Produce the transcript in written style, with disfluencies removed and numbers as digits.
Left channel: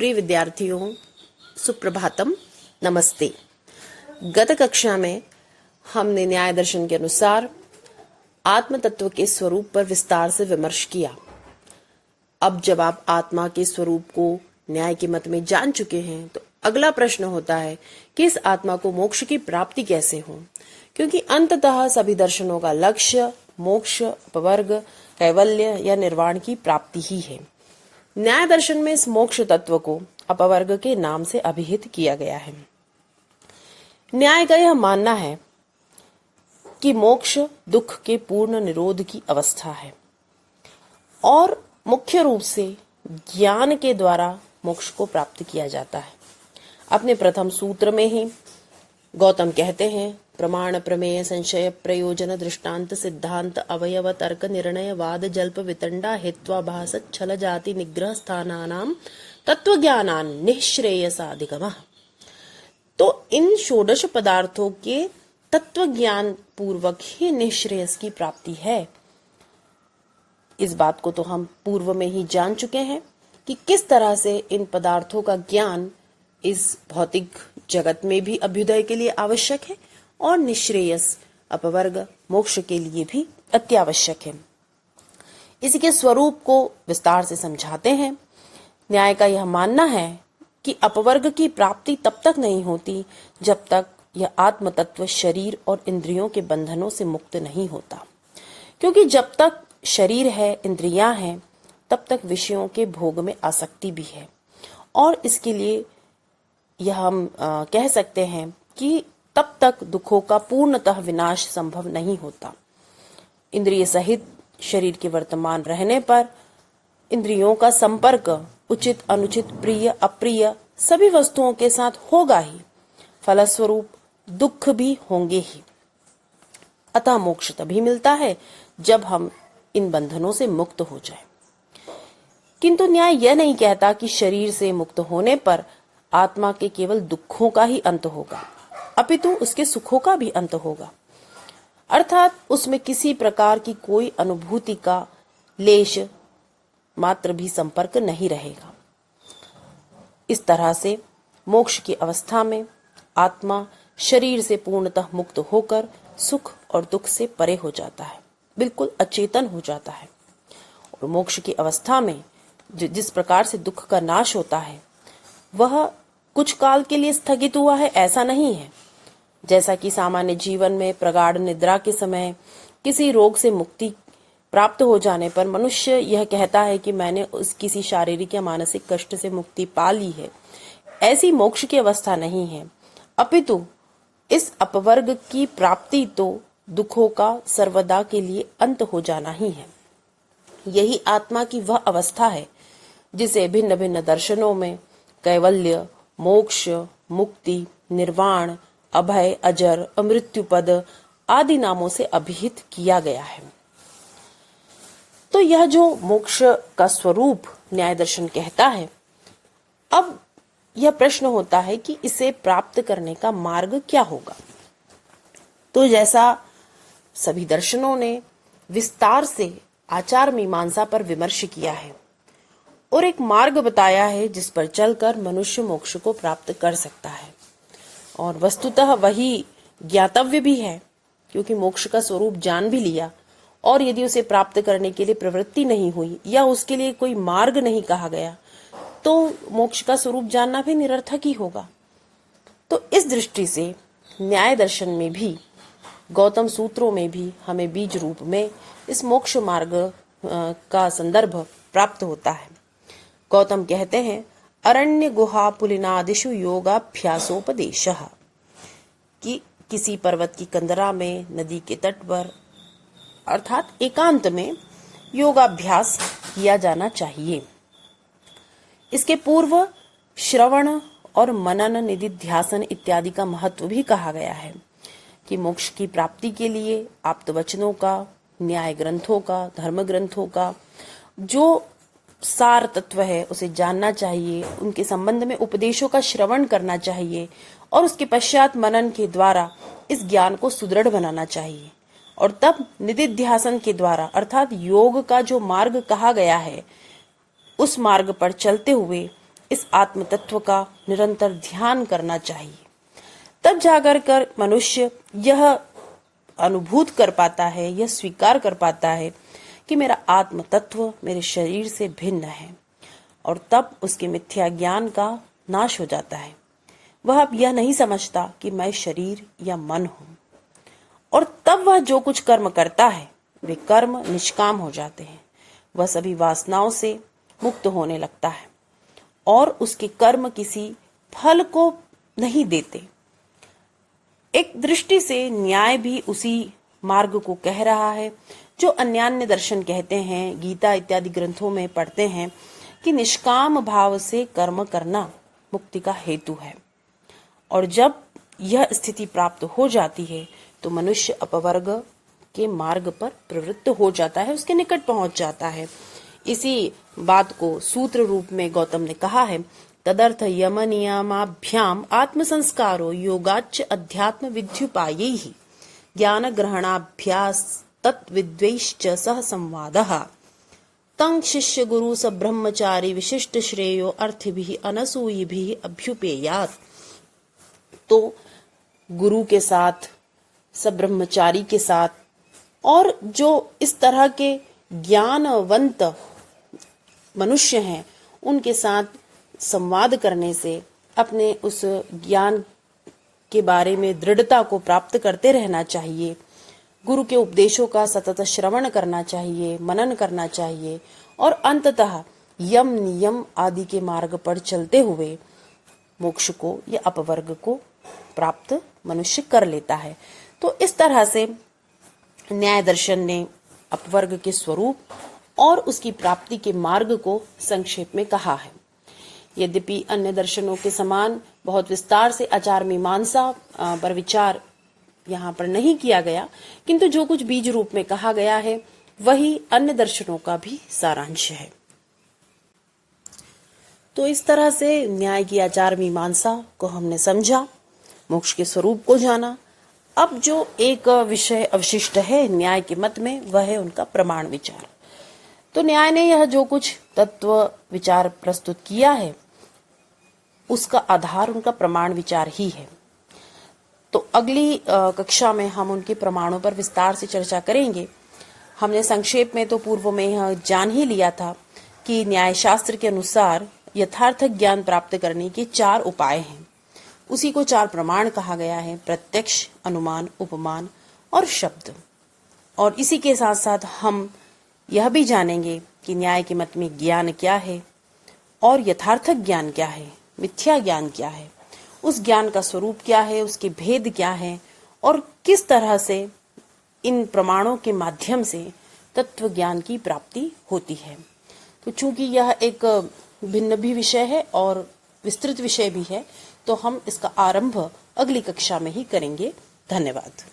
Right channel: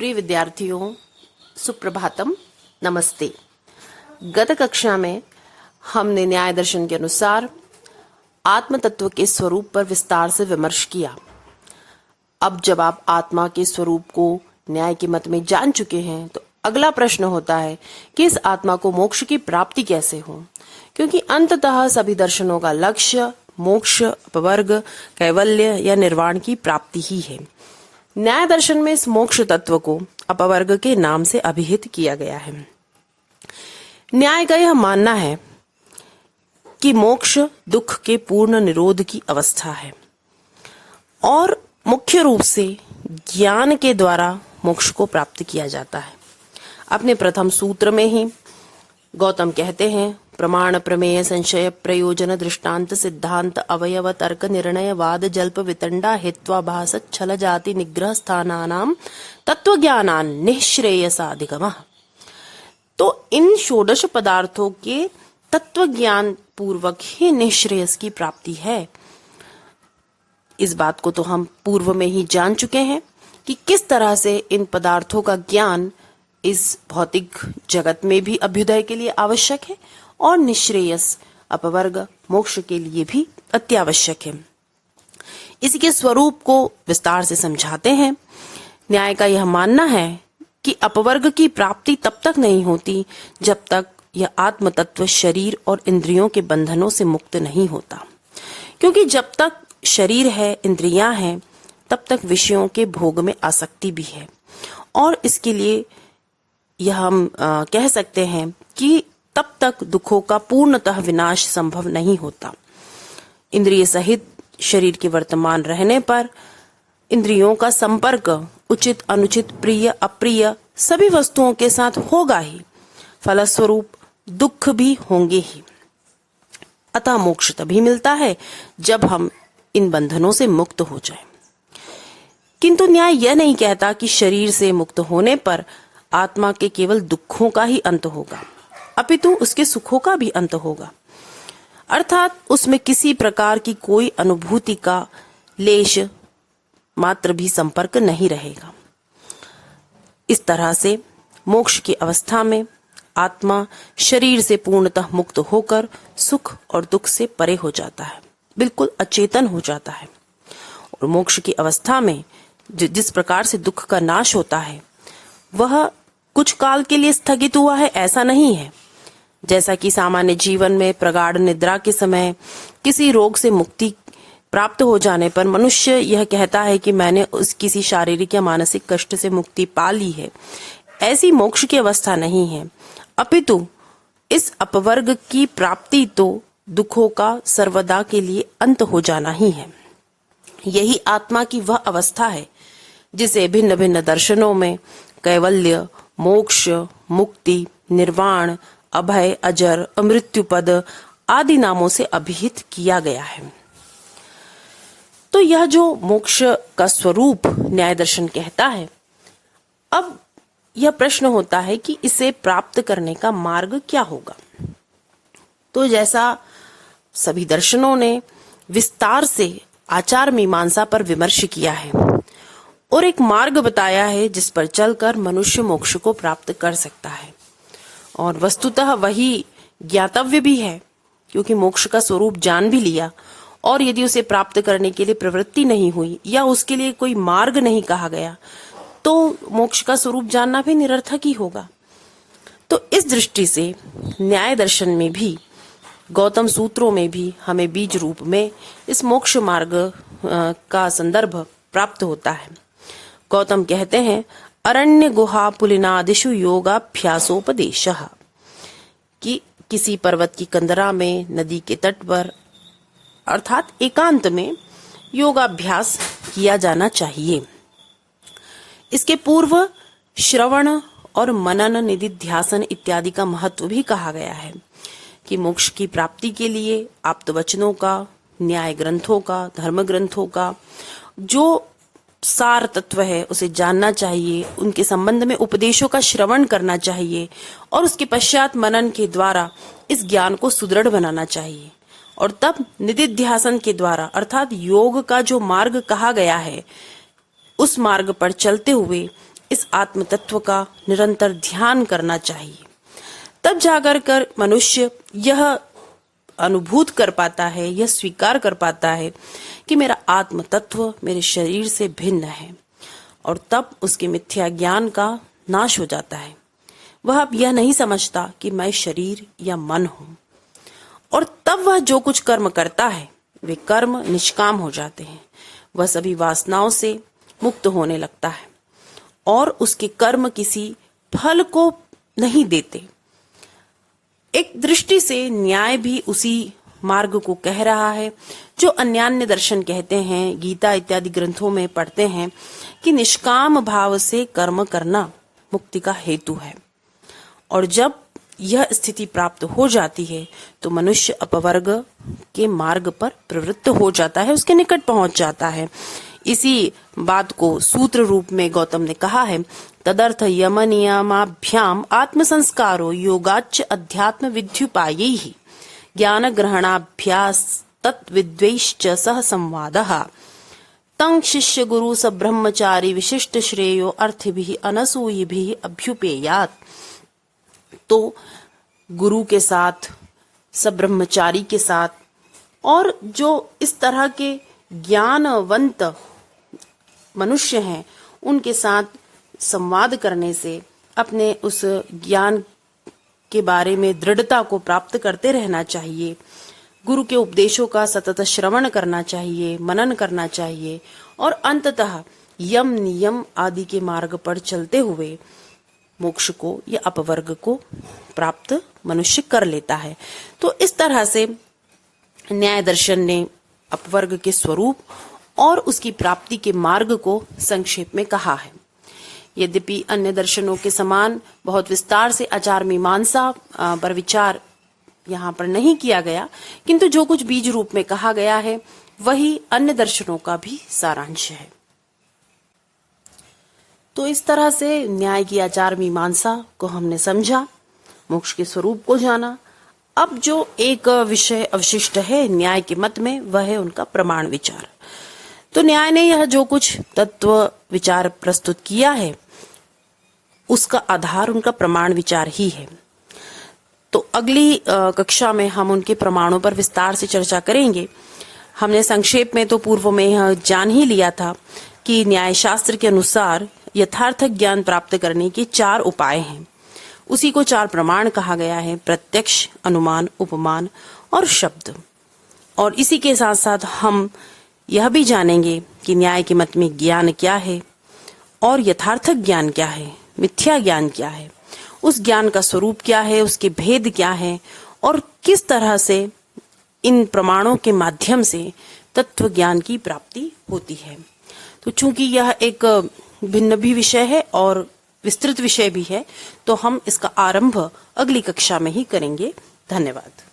प्रिय विद्यार्थियों, सुप्रभातम, नमस्ते। गत कक्षा में हमने न्याय दर्शन के अनुसार आत्म तत्व के स्वरूप पर विस्तार से विमर्श किया। अब जब आप आत्मा के स्वरूप को न्याय के मत में जान चुके हैं तो अगला प्रश्न होता है कि इस आत्मा को मोक्ष की प्राप्ति कैसे हो, क्योंकि अंततः सभी दर्शनों का लक्ष्य मोक्ष, अपवर्ग, कैवल्य या निर्वाण की प्राप्ति ही है। न्याय दर्शन में इस मोक्ष तत्व को अपवर्ग के नाम से अभिहित किया गया है। न्याय का यह मानना है कि मोक्ष दुख के पूर्ण निरोध की अवस्था है और मुख्य रूप से ज्ञान के द्वारा मोक्ष को प्राप्त किया जाता है। अपने प्रथम सूत्र में ही गौतम कहते हैं, प्रमाण प्रमेय संशय प्रयोजन दृष्टांत सिद्धांत अवयव तर्क निर्णय वाद जल्प वितंडा हेत्वाभास छल जाति निग्रह स्थानानाम तत्वज्ञानान निःश्रेयसाधिगमः। तो इन षोडश पदार्थों के तत्व ज्ञान पूर्वक ही निःश्रेयस की प्राप्ति है। इस बात को तो हम पूर्व में ही जान चुके हैं कि किस तरह से इन पदार्थों का ज्ञान इस भौतिक जगत में भी अभ्युदय के लिए आवश्यक है और निःश्रेयस अपवर्ग मोक्ष के लिए भी अत्यावश्यक है। इसी के स्वरूप को विस्तार से समझाते हैं। न्याय का यह मानना है कि अपवर्ग की प्राप्ति तब तक नहीं होती जब तक यह आत्म तत्व शरीर और इंद्रियों के बंधनों से मुक्त नहीं होता, क्योंकि जब तक शरीर है, इंद्रियां हैं, तब तक विषयों के भोग में आसक्ति भी है और इसके लिए यह हम कह सकते हैं कि तब तक दुखों का पूर्णतः विनाश संभव नहीं होता। इंद्रिय सहित शरीर के वर्तमान रहने पर इंद्रियों का संपर्क उचित अनुचित प्रिय अप्रिय सभी वस्तुओं के साथ होगा ही, फलस्वरूप दुख भी होंगे ही। अतः मोक्ष तभी मिलता है जब हम इन बंधनों से मुक्त हो जाएं। किंतु न्याय यह नहीं कहता कि शरीर से मुक्त होने पर आत्मा के केवल दुखों का ही अंत होगा, अपितु उसके सुखों का भी अंत होगा, अर्थात उसमें किसी प्रकार की कोई अनुभूति का लेश मात्र भी संपर्क नहीं रहेगा। इस तरह से मोक्ष की अवस्था में आत्मा शरीर से पूर्णतः मुक्त होकर सुख और दुख से परे हो जाता है, बिल्कुल अचेतन हो जाता है। और मोक्ष की अवस्था में जिस प्रकार से दुख का नाश होता है वह कुछ काल के लिए स्थगित हुआ है ऐसा नहीं है। जैसा कि सामान्य जीवन में प्रगाढ़ निद्रा के समय किसी रोग से मुक्ति प्राप्त हो जाने पर मनुष्य यह कहता है कि मैंने उस किसी शारीरिक या मानसिक कष्ट से मुक्ति पा ली है, ऐसी मोक्ष की अवस्था नहीं है, अपितु इस अपवर्ग की प्राप्ति तो दुखों का सर्वदा के लिए अंत हो जाना ही है। यही आत्मा की वह अवस्था है जिसे भिन्न भिन्न दर्शनों में कैवल्य, मोक्ष, मुक्ति, निर्वाण, अभय, अजर, अमृत्यु पद आदि नामों से अभिहित किया गया है। तो यह जो मोक्ष का स्वरूप न्याय दर्शन कहता है, अब यह प्रश्न होता है कि इसे प्राप्त करने का मार्ग क्या होगा। तो जैसा सभी दर्शनों ने विस्तार से आचार मीमांसा पर विमर्श किया है और एक मार्ग बताया है जिस पर चलकर मनुष्य मोक्ष को प्राप्त कर सकता है, और वस्तुतः वही ज्ञातव्य भी है, क्योंकि मोक्ष का स्वरूप जान भी लिया और यदि उसे प्राप्त करने के लिए प्रवृत्ति नहीं हुई या उसके लिए कोई मार्ग नहीं कहा गया तो मोक्ष का स्वरूप जानना भी निरर्थक ही होगा। तो इस दृष्टि से न्याय दर्शन में भी, गौतम सूत्रों में भी हमें बीज रूप में इस मोक्ष मार्ग का संदर्भ प्राप्त होता है। गौतम कहते हैं, अरण्य गुहा पुलिनादिषु योगाभ्यासोपदेशः, कि किसी पर्वत की कंदरा में, नदी के तट पर अर्थात एकांत में योगाभ्यास किया जाना चाहिए। इसके पूर्व श्रवण और मनन, निधिध्यासन इत्यादि का महत्व भी कहा गया है कि मोक्ष की प्राप्ति के लिए आप्त वचनों का, न्याय ग्रंथों का, धर्म ग्रंथों का जो सार तत्व है उसे जानना चाहिए, उनके संबंध में उपदेशों का श्रवण करना चाहिए और उसके पश्चात मनन के द्वारा इस ज्ञान को सुदृढ़ बनाना चाहिए, और तब निधिध्यासन के द्वारा अर्थात योग का जो मार्ग कहा गया है उस मार्ग पर चलते हुए इस आत्म तत्व का निरंतर ध्यान करना चाहिए। तब जाकर कर मनुष्य यह अनुभूत कर पाता है, यह स्वीकार कर पाता है कि मेरा आत्म तत्व मेरे शरीर से भिन्न है, और तब उसके मिथ्या ज्ञान का नाश हो जाता है। वह अब यह नहीं समझता कि मैं शरीर या मन हूं, और तब वह जो कुछ कर्म करता है वे कर्म निष्काम हो जाते हैं। वह सभी वासनाओं से मुक्त होने लगता है और उसके कर्म किसी फल को नहीं देते। एक दृष्टि से न्याय भी उसी मार्ग को कह रहा है जो अन्यान्य दर्शन कहते हैं, गीता इत्यादि ग्रंथों में पढ़ते हैं कि निष्काम भाव से कर्म करना मुक्ति का हेतु है। और जब यह स्थिति प्राप्त हो जाती है तो मनुष्य अपवर्ग के मार्ग पर प्रवृत्त हो जाता है, उसके निकट पहुंच जाता है। इसी बात को सूत्र रूप में गौतम ने कहा है, तदर्थ यम नियमाभ्याम आत्म संस्कारो योगाच्च अध्यात्म विद्युपायैहि ज्ञान ग्रहणाभ्यास तत्विद्वैश्च सह संवादः तं शिष्य गुरु स ब्रह्मचारी विशिष्ट श्रेयो अर्थिभिः अनसूयिभिः अभ्युपेयात्। तो गुरु के साथ, सब ब्रह्मचारी के साथ और जो इस तरह के ज्ञानवंत मनुष्य हैं उनके साथ संवाद करने से अपने उस ज्ञान के बारे में दृढ़ता को प्राप्त करते रहना चाहिए। गुरु के उपदेशों का सतत श्रवण करना चाहिए, मनन करना चाहिए और अंततः यम नियम आदि के मार्ग पर चलते हुए मोक्ष को या अपवर्ग को प्राप्त मनुष्य कर लेता है। तो इस तरह से न्याय दर्शन ने अपवर्ग के स्वरूप और उसकी प्राप्ति के मार्ग को संक्षेप में कहा है। यद्यपि अन्य दर्शनों के समान बहुत विस्तार से आचार मीमांसा पर विचार यहाँ पर नहीं किया गया, किंतु जो कुछ बीज रूप में कहा गया है वही अन्य दर्शनों का भी सारांश है। तो इस तरह से न्याय की आचार मीमांसा को हमने समझा, मोक्ष के स्वरूप को जाना। अब जो एक विषय अवशिष्ट है न्याय के मत में, वह है उनका प्रमाण विचार। तो न्याय ने यह जो कुछ तत्व विचार प्रस्तुत किया है उसका आधार उनका प्रमाण विचार ही है। तो अगली कक्षा में हम उनके प्रमाणों पर विस्तार से चर्चा करेंगे। हमने संक्षेप में तो पूर्व में यह जान ही लिया था कि न्याय शास्त्र के अनुसार यथार्थ ज्ञान प्राप्त करने के 4 उपाय हैं। उसी को 4 प्रमाण कहा गया है, प्रत्यक्ष, अनुमान, उपमान और शब्द। और इसी के साथ साथ हम यह भी जानेंगे कि न्याय के मत में ज्ञान क्या है और यथार्थ ज्ञान क्या है, मिथ्या ज्ञान क्या है, उस ज्ञान का स्वरूप क्या है, उसके भेद क्या है और किस तरह से इन प्रमाणों के माध्यम से तत्व ज्ञान की प्राप्ति होती है। तो चूंकि यह एक भिन्न भी विषय है और विस्तृत विषय भी है, तो हम इसका आरंभ अगली कक्षा में ही करेंगे। धन्यवाद।